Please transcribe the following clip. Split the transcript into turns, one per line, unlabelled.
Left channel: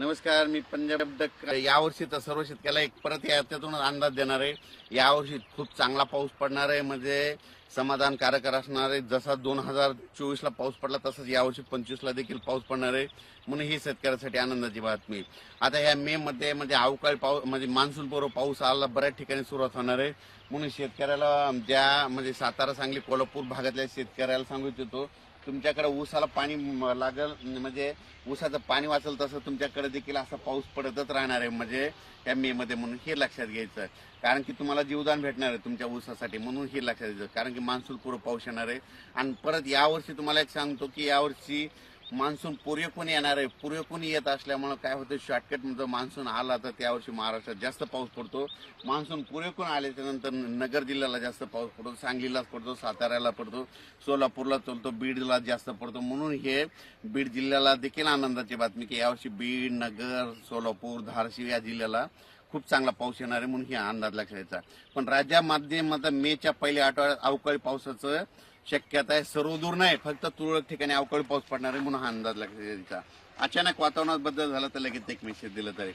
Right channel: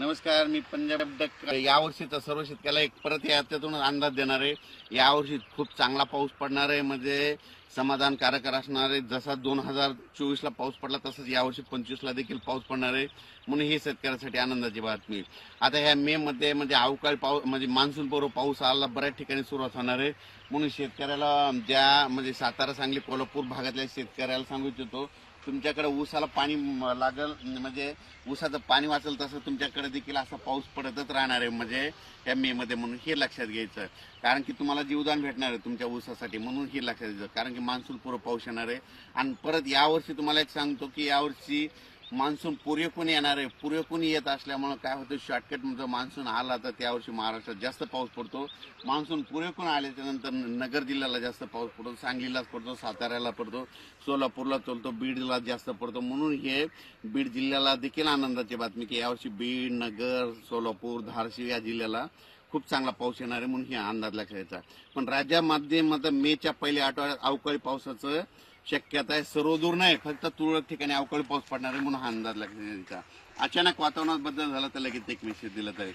नमस्कार मी पंजाब डक यावर्षी तर सर्व शेतकऱ्याला एक परत याच्यातूनच अंदाज देणार आहे. यावर्षी खूप चांगला पाऊस पडणार आहे म्हणजे समाधानकारक असणार आहे. जसा दोन हजार चोवीसला पाऊस पडला तसंच यावर्षी पंचवीसला देखील पाऊस पडणार आहे. म्हणून ही शेतकऱ्यासाठी आनंदाची बातमी आता ह्या मे मध्ये म्हणजे अवकाळी पाऊस म्हणजे मान्सून पूर्व पाऊस आला बऱ्याच ठिकाणी सुरुवात होणार आहे. म्हणून शेतकऱ्याला ज्या म्हणजे सातारा सांगली कोल्हापूर भागातल्या शेतकऱ्याला सांगू इच्छितो तुमच्याकडे ऊसाला पाणी लागल म्हणजे ऊसाचं पाणी वाचल तसं तुमच्याकडे देखील असा पाऊस पडतच राहणार आहे म्हणजे या मे मध्ये म्हणून हे लक्षात घ्यायचं. कारण की तुम्हाला जीवदान भेटणार आहे तुमच्या ऊसासाठी म्हणून हे लक्षात घ्यायचं. कारण की मान्सून पूर्व पाऊस येणार आहे. आणि परत यावर्षी तुम्हाला एक सांगतो की यावर्षी मान्सून पुरेपून येणार आहे. पुरेपून येत असल्यामुळं काय होतं शॉर्टकट मान्सून आला तर त्यावर्षी महाराष्ट्रात जास्त पाऊस पडतो. मान्सून पुरेपून आल्याच्यानंतर नगर जिल्ह्याला जास्त पाऊस पडतो सांगलीलाच पडतो साताऱ्याला पडतो सोलापूरला पडतो बीडला जास्त पडतो. म्हणून हे बीड जिल्ह्याला देखील आनंदाची बातमी की यावर्षी बीड नगर सोलापूर धारशिव या जिल्ह्याला खूप चांगला पाऊस येणार आहे म्हणून हे अंदाज लक्षात घ्यायचा. पण राज्यामध्ये मात्र मेच्या पहिल्या आठवड्यात अवकाळी पावसाचं शक्यता आहे. सर्व दूर नाही फक्त तुरळक ठिकाणी अवकाळी पाऊस पडणार आहे म्हणून हा अंदाज लक्षात त्यांचा. अचानक वातावरणात बदल झाला तर लगेच एक मेसेज दिला तरी.